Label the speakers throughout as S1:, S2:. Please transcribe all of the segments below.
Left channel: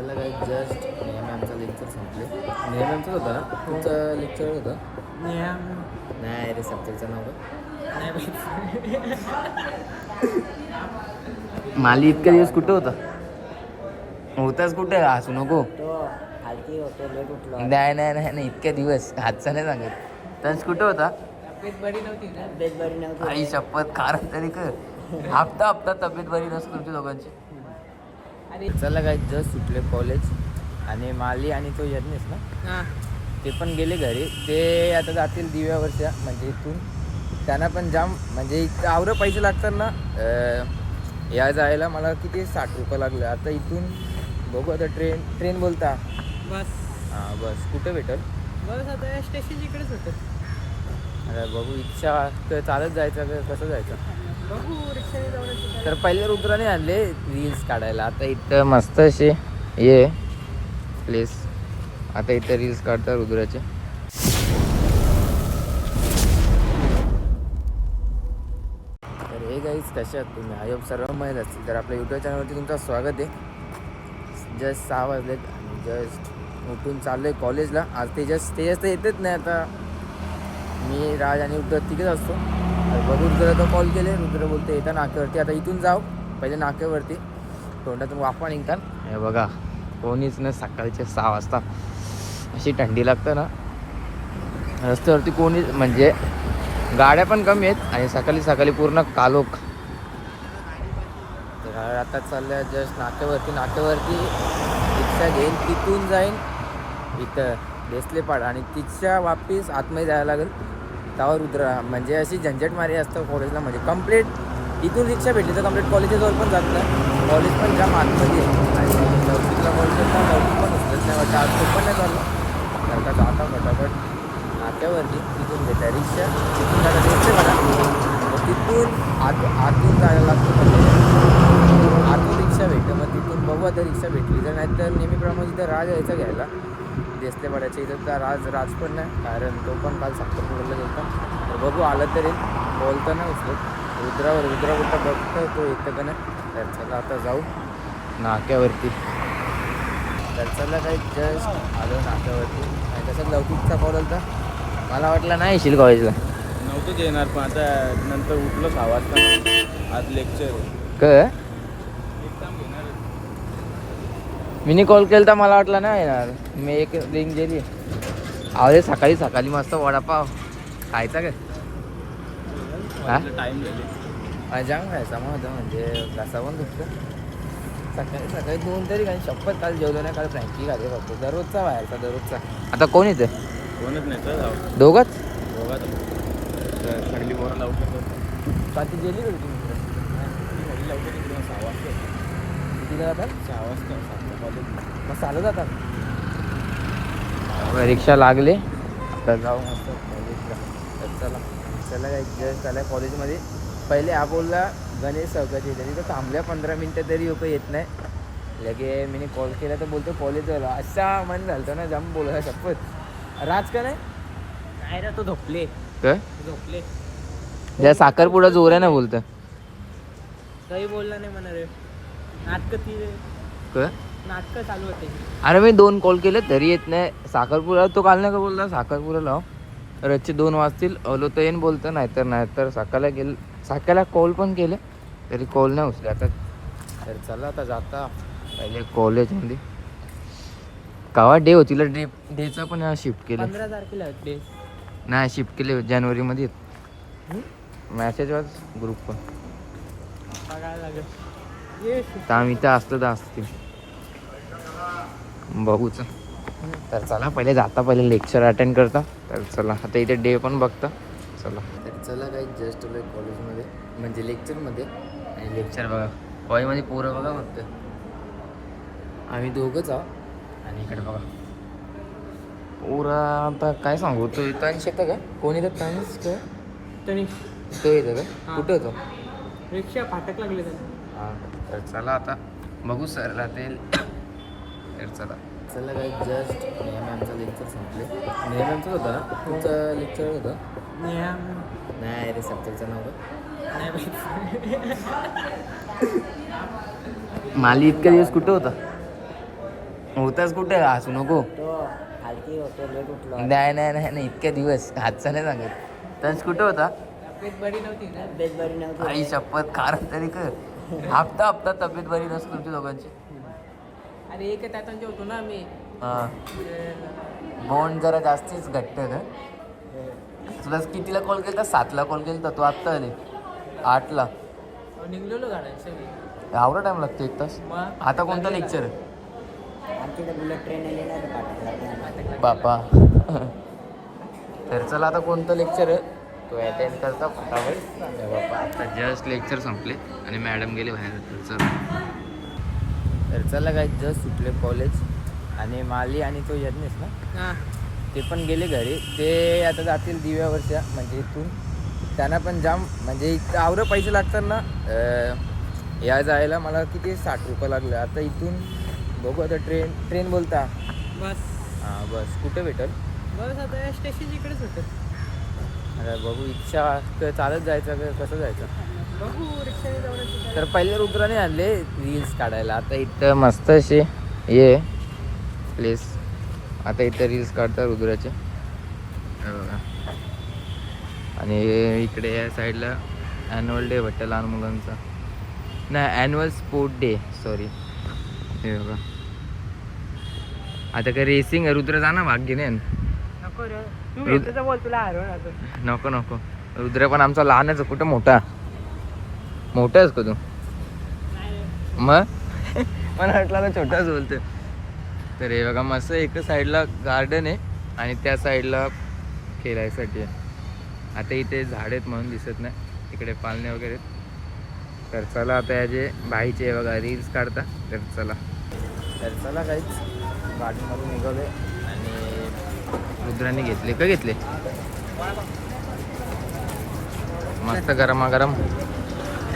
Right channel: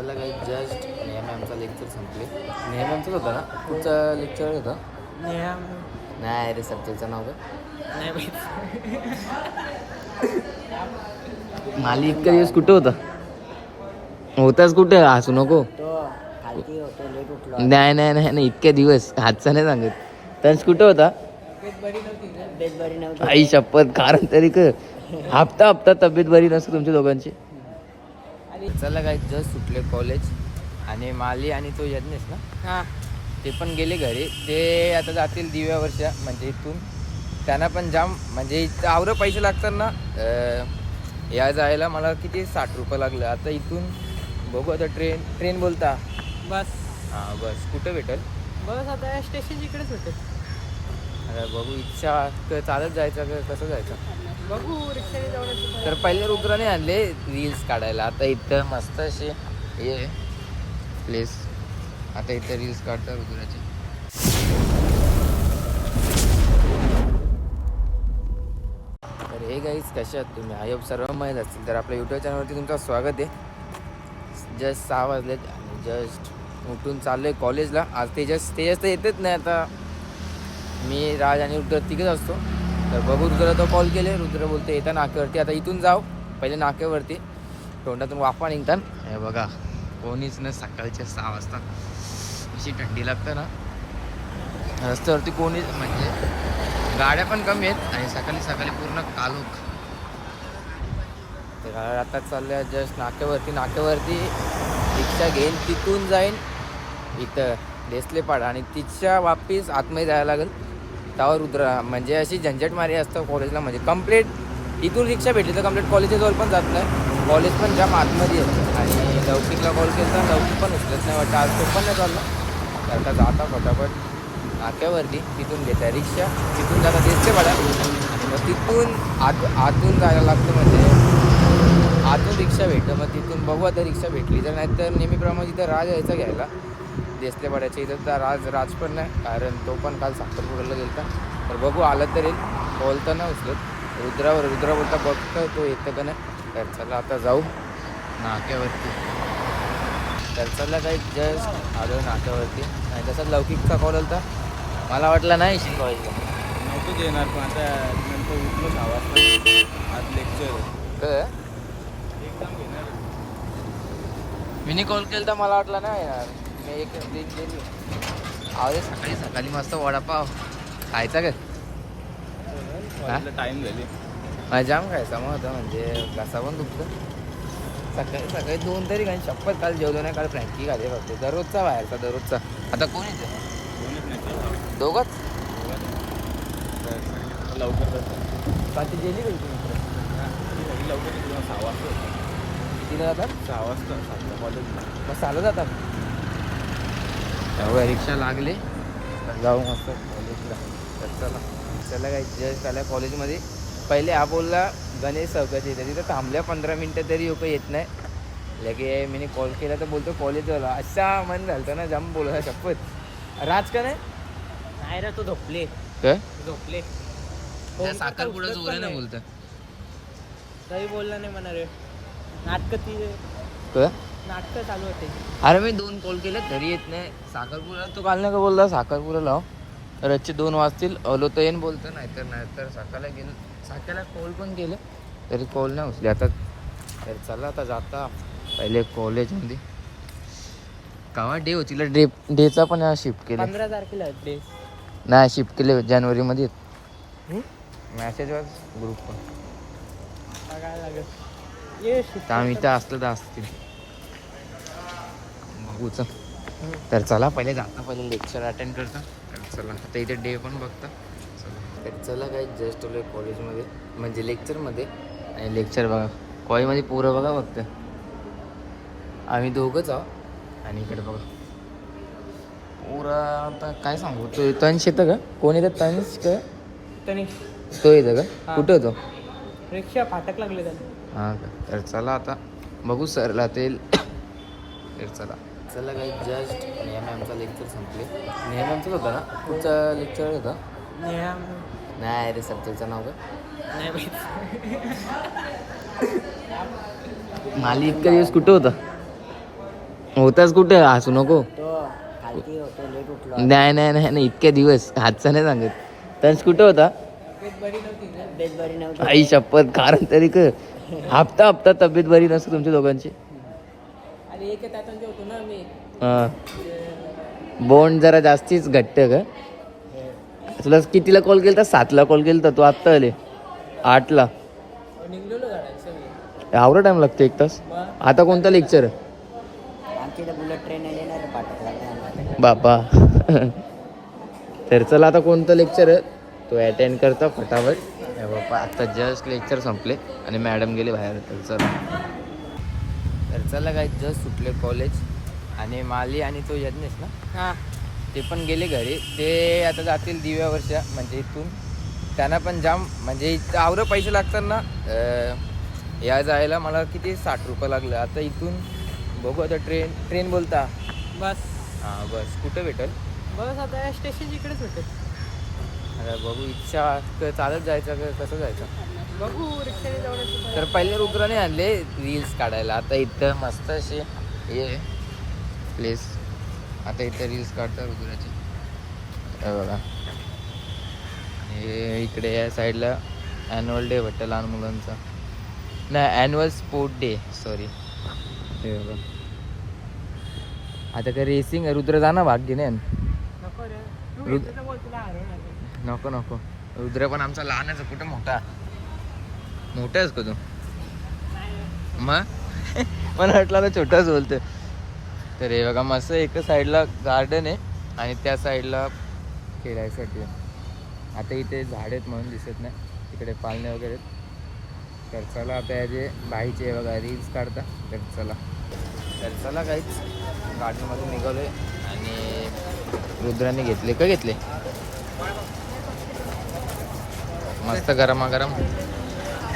S1: चला काही जस्ट नेहमी आमचा लेक्चर संपले. नेहमी आमचाच होता ना? तुमचं लेक्चर होतं? नाही रे सब्जेक्टचं नाव माली इतका दिवस कुठं होता? होताच कुठे? हसू नको.
S2: तो हलकी होतो लेट उठलो.
S1: नाही नाही नाही नाही इतके दिवस. हातचं नाही सांगत. तर कुठं होता? आई शपथ कारण तरी कर. हप्ता हप्ता तब्येत बरी नसते तुमच्या दोघांची. चला काय जस्ट सुटले कॉलेज आणि माली आणि तो यज्ञेश ना?
S2: हा.
S1: ते पण गेले घरी. ते आता जातील दिव्या वर्षा म्हणजे इथून. त्यांना पण जाम म्हणजे आवरं पैसे लागतात ना अं, या जायला मला किती? साठ रुपये लागले. आता इथून बघू आता ट्रेन ट्रेन बोलता.
S2: बस.
S1: हां बस. कुठं भेटल?
S2: बस आता स्टेशन इकडेच होतं
S1: आता बघू इच्छा क- चालत जायचं का? कसं जायचं?
S2: बघू रिक्षाने जाऊन
S1: तर पहिले रुद्राने आणले रील्स काढायला. आता इथं मस्त असे ये प्लेस आता इथं रील्स काढतात रुद्राचे. तर हे गाईज कसे आहात तुम्ही? आय होप सर्व माहीत असतील. तर आपल्या यूट्यूब चॅनलवरती तुमचं स्वागत आहे. जस्ट सहा वाजलेत आणि जस्ट उठून चाललो आहे कॉलेजला आज ते जस्ट ते तर येतच नाही आता. मी राज आणि रुद्र तिघेच असतो. तर बघू रुद्र तो कॉल. केले रुद्र बोलते येतं नाक्यावरती. आता इथून जाऊ पहिले नाक्यावरती. तोंडातून वाफा निघतात. हे बघा कोणीच नाही सकाळचे सहा वाजता. अशी थंडी लागतं ना. रस्त्यावरती कोणीच म्हणजे गाड्या पण कमी आहेत आणि सकाळी सकाळी पूर्ण कालोख. तर आता चालल्या जस्ट नाक्यावरती. नाक्यावरती इथं घेईन तिथून जाईन. इथं देसलेपाड आणि तिच्या वापीस आतमध्ये जायला लागेल. त्यावर उतरा. म्हणजे अशी झंझटमारी असतं कॉलेजला म्हणजे कंप्लीट इथून रिक्षा भेटली तर कंप्लीट कॉलेजेसवर पण जात नाही. कॉलेज पण जाम आतमध्ये आहे. आणि लवचिकला कॉल केला तर पण उचलत नाही. वाटतं आज तो पण नाही चालला. तर का जाता फटाफट. नाक्यावरती तिथून घेता रिक्षा तिथून जाता रिक्षे पाडा. मग तिथून आत आतून जायला लागतं म्हणजे आतून रिक्षा भेटतं. मग तिथून बघू आता रिक्षा भेटली तर नाही तर नेहमीप्रमाणे तिथं राज यायचा घ्यायला. देसले पाड्याच्या इथं तर राज राज पण नाही कारण तो पण काल साखरपुड्याला गेलता. तर बघू आलं तर येईल तर नाही उचलत. रुद्रावर रुद्रा बोलता बघतोय तो येतं का नाही. तर चला आता जाऊ नाक्यावरती. तर चला काही जस्ट आलो नाक्यावरती. आणि तसंच लौकिकचा कॉल होता मला वाटलं नाही येशील कॉलेजला
S3: नव्हतंच येणार पण आता नंतर उठलो सहा वाजता आज लेक्चर
S1: काय?
S3: एक्झाम घेणार
S1: मी कॉल केला तर मला वाटलं नाही येणार मी एक रिंग गेली. अरे सकाळी सकाळी मस्त वडापाव. खायचा काय?
S3: टाइम झाले
S1: नाही जाम खायचा. मग होता म्हणजे घसा पण दुखतं सकाळी सकाळी दोन तरी काही शपथ काल जेवलो नाही काल फ्रँकी खाते फक्त. दररोजचा बाहेरचा दररोजचा. आता कोण येतं
S3: कोणच नाही काय
S1: दोघंच? पाठी गेली का तुझी मित्र
S3: ती घरी लवकर सहा वाजता.
S1: कितीला जातात?
S3: सहा वाजता सातला कॉलेज
S1: मग चालत जातात? रिक्षा लागले. आता जाऊ मस्त कॉलेजला तर चला चला काय जस्ट आल्या कॉलेजमध्ये पहिले हा बोलला गणेश चौकात येतं. तिथं थांबल्या पंधरा मिनटं तरी लोक येत नाही. लगे मी कॉल केला तर बोलतो कॉलेजवाला अच्छा मन झालं ना जाम बोलला शपथ. राज का नाही?
S2: नाही रे तो झोपले.
S1: काय?
S2: झोपले.
S1: साखरपुडा जोऱ्यानं बोलतं
S2: काही बोलला नाही म्हणा रे नाटक ती
S1: काय?
S2: नाटकं चालू होते.
S1: अरे मी दोन कॉल केले तरी येत नाही. साखरपुरा तो काल नाही का बोलता साखरपुरा लाव रच्चे दोन वाजतील. अलो तर येईन बोलतं नाहीतर नाहीतर साकाला गेल साकाला कॉल पण केले तरी कॉल नाही उचले आता तर चला आता जाता. पहिले कॉलेजमध्ये कावा डे होती? डे डेचा पण शिफ्ट केले.
S2: पंधरा तारखेला डे
S1: नाही शिफ्ट केले जानेवारीमध्ये मॅसेज वाज ग्रुप पण
S2: बघायला लागेल.
S1: तर आम्ही इथं असलं तर असतील बघूच. तर चला पहिले जाता पहिले लेक्चर अटेंड करता. तर चला आता इथे डे पण बघता. चला. तर चला काय जस्ट आलोय कॉलेजमध्ये म्हणजे लेक्चरमध्ये आणि लेक्चर बघा. कॉलेजमध्ये पोरं बघा बघते आम्ही दोघंच आहो आणि इकडे बघा. पोरा आता काय सांगू? तो तंश येतं का? कोण येतं तंश का?
S2: त्यांनी
S1: तो येतं का. कुठं होतो?
S2: रिक्षा फाटक लागले
S1: हां. तर चला आता बघू सरला ते तर चला. चला काही जस्ट नेहमी आमचा लेक्चर संपले. नेहमी आमचंच होता ना? तुमचं लेक्चर होतं? नाही रे सब्जेक्टचं नाव काय? माली इतका दिवस कुठं होता? होताच कुठं? हसू नको.
S2: तो हलकी होतो लेट उठलो.
S1: नाही नाही नाही नाही, इतके दिवस. हातचं नाही सांगत. त्यांच कुठं होता?
S2: तब्येत बरी नव्हती
S1: आई शपथ कारण तरी कर. हप्ता हप्ता तब्येत बरी नसते तुमच्या दोघांची.
S2: आणि एक होतो ना मी
S1: बोंड जरा जास्तीच घट्ट का तुला कितीला कॉल केला सातला कॉल केला तू? आत्ता आले. आठला.
S2: निघलेलो गाड्या
S1: टाइम लागतो एक तास?
S2: मग?
S1: आता कोणता लेक्चर
S2: आमची तर बुलेट ट्रेन आली ना
S1: बापा. तर चला आता कोणतं लेक्चर आहे तो अटेंड करता फटाफट. हे आता जस्ट लेक्चर संपले आणि मॅडम गेली बाहेर. तर चला. तर चला काय जस्ट सुटले कॉलेज आणि माली आणि तो यज्ञेश ना?
S2: हा.
S1: ते पण गेले घरी. ते आता जातील दिव्या वर्ष म्हणजे इथून. त्यांना पण जाम म्हणजे इथं आवरं पैसे लागतात ना या जायला मला किती? साठ रुपये लागले. आता इथून बघू आता ट्रेन ट्रेन बोलता.
S2: बस.
S1: हां बस. कुठं भेटेल?
S2: बस आता स्टेशन इकडेच होतं
S1: आता बघू इच्छा चालत जायचं का कसं जायचं?
S2: बघू रिक्षाने जाऊन
S1: तर पहिले रुद्राने आणले रील्स काढायला. आता इथं मस्त असे हे प्लेस आता इथं रील्स काढतात रुद्राचे. हे बघा. आणि इकडे या साईडला ॲन्युअल डे वाटतं लहान मुलांचा. नाही ॲन्युअल स्पोर्ट डे सॉरी हे बघा. आता काय रेसिंग रुद्र जा ना भाग घेणे.
S2: नको रे.
S1: नको नको. रुद्र पण आमचा लहानच आहे कुठं मोठा? मोठा आहेस का तू. मग? मला वाटलं ना छोटाच बोलतो तर हे बघा मस्त एका साईडला गार्डन आहे आणि त्या साईडला खेळायसाठी आहे. आता इथे झाड आहेत म्हणून दिसत नाही. तिकडे पालणे वगैरे. तर चला आता याचे बाईचे हे बघा रील्स काढता. तर चला. तर चला काहीच गार्डनमधून निघालोय आणि रुद्राने घेतले. का घेतले? मस्त गरमागरम.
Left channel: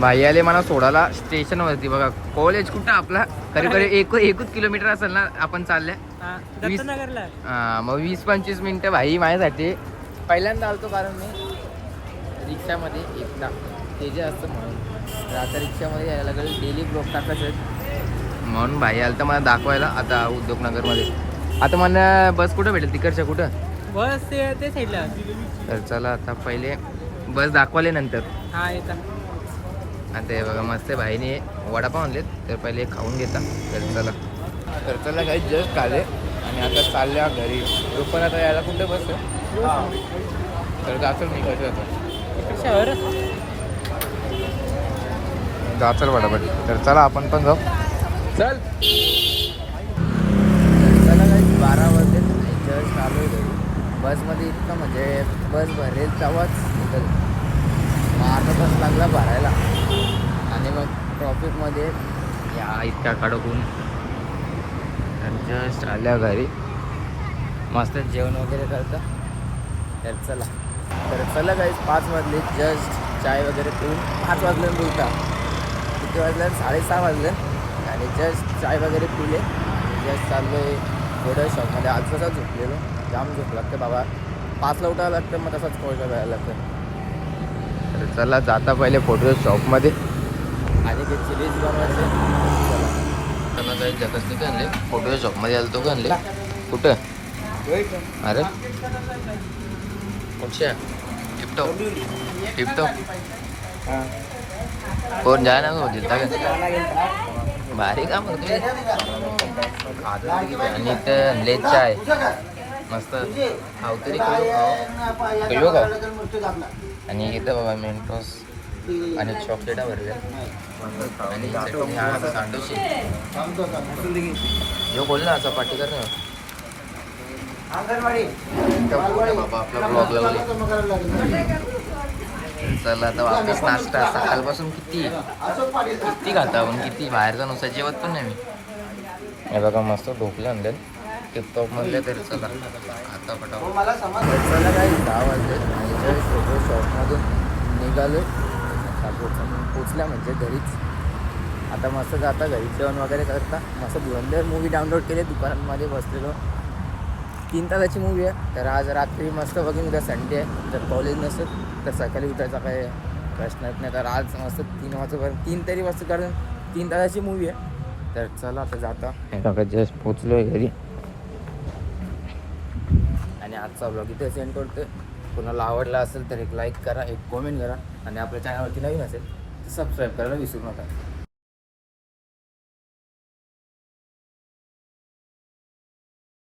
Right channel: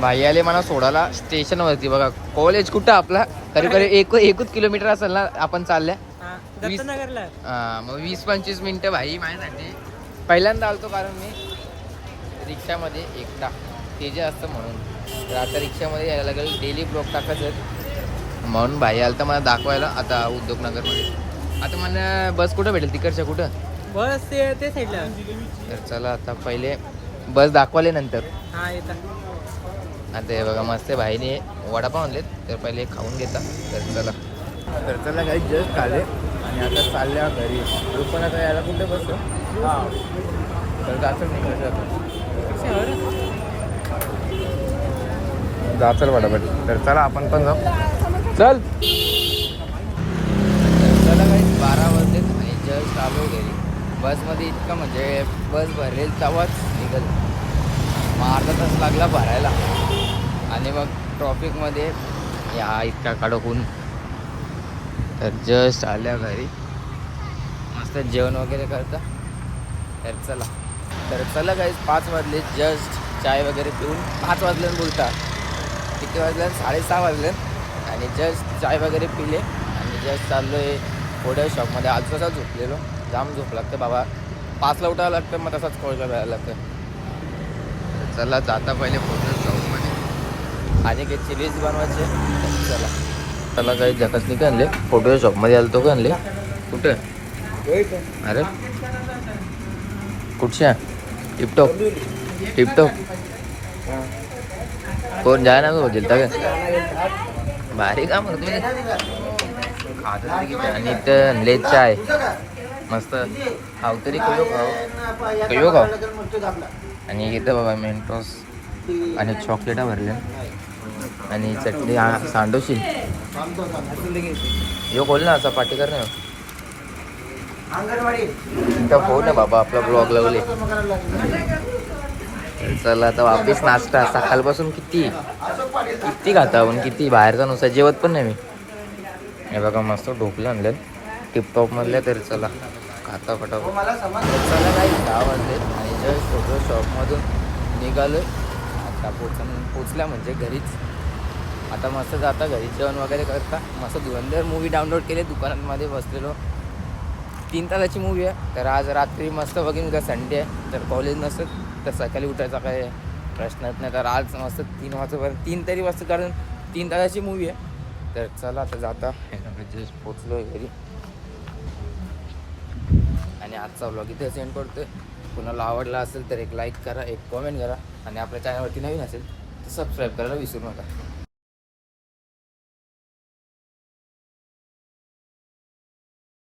S1: भाई आले मला सोडायला. स्टेशनवरती बघा. कॉलेज कुठं आपला? करीब करीब एक एकच किलोमीटर असेल ना आपण चालल्या.
S2: हा
S1: वीस- हा, मग वीस पंचवीस मिनटं भाई माझ्यासाठी. पहिल्यांदा आलतो कारण मी रिक्षामध्ये एकटा ते जे असतं म्हणून. तर आता रिक्षामध्ये यायला लागेल. डेली ब्लॉक टाकायचं म्हणून भाई आलं तर मला दाखवायला आता उद्योगनगरमध्ये. आता मला बस कुठं भेटेल? तिकडच्या कुठं?
S2: बस ते ते साईडला.
S1: तर चला आता पहिले बस दाखवाले नंतर.
S2: हा
S1: आता हे बघा मस्त भाईने वडापाव आणलेत. तर पहिले खाऊन घेता. तर चला. तर चला काही जस्ट खाले. आणि आता चालल्या घरी. पण आता यायला कुठे बस तर जाचल मी कसं जातो जाचल पटापट तर चला आपण पण जाऊ. चल. तर चला काही बारा वाजले आणि जस्ट आलो घरी. बसमध्ये इतकं म्हणजे बस भरेल तेव्हाच निघल. मग अर्धा तास लागला भरायला. आणि मग ट्रॉफिकमध्ये या इतका कडकून. तर जस्ट आल्या घरी. मस्त जेवण वगैरे करता. तर चला. तर चला काही पाच वाजले. जस्ट चाय वगैरे पिऊन पाच वाजल्यानं बोलता. किती वाजल्यानं साडेसहा वाजले. आणि जस्ट चाय वगैरे पिले. आणि जस्ट चाललो आहे पुढे शॉपमध्ये आज तसाच झोपलेलो? जाम झोप लागतं बाबा. पाचला उठावं लागतं मग तसाच कॉल करायला लागतं. तर चला जाता पहिले फोटो शॉपमध्ये आणि काही चिलीज बनवायचे चला. चला काही जकसनी का आणले? फोटो शॉपमध्ये आलो तो का आणले? कुठं? अरे. कुठच्या? टिपटॉप. टिपटॉप. कोण जाय ना दिलता का भारी काम होतं तुम्ही खात आणि इथं आणले चाय. मस्त. खाऊ तरी करू खाऊ. करू खाऊ. आणि इथं बघा मेंटोस आणि चॉकलेटा भरल्या आणि चटणी हा सांडोशी यो बोल ना असा पाठी कर ना बोल ना बाबा आपला ब्लॉग लावले. चला आता वापस नाश्ता. सकाळपासून किती? किती खाता आपण? किती? बाहेरचा नुसता जेवत पण नाही मी. हे बघा मस्त ढोकलं आणलं टिपटॉप मधल्या तरी चला. खाता फटाफट. तर चला काही दहा वाजले. आणि फोटो शॉपमधून निघालो आता पोचन पोचल्या म्हणजे घरीच. आता मस्त जाता घरी. जेवण वगैरे करता. मस्त धुरंधर मूवी डाउनलोड केले. दुकानांमध्ये बसलेलो. तीन तासाची मूवी आहे. तर आज रात्री मस्त बघीन उद्या संडे आहे. तर कॉलेज नसतं तर सकाळी उठायचा काय प्रश्नच नाही. तर आज मस्त तीन वाजेपर्यंत तीन तरी वाजता कारण तीन तासाची मूवी आहे. तर चला आता जाता. हे जस्ट पोचलोय घरी. आणि आजचा ब्लॉग इथे सेंड करतोय. कुणाला आवडला असेल तर एक लाईक करा एक कॉमेंट करा. आणि आपल्या चॅनलवरती नवीन असेल तर सबस्क्राईब करायला विसरू नका.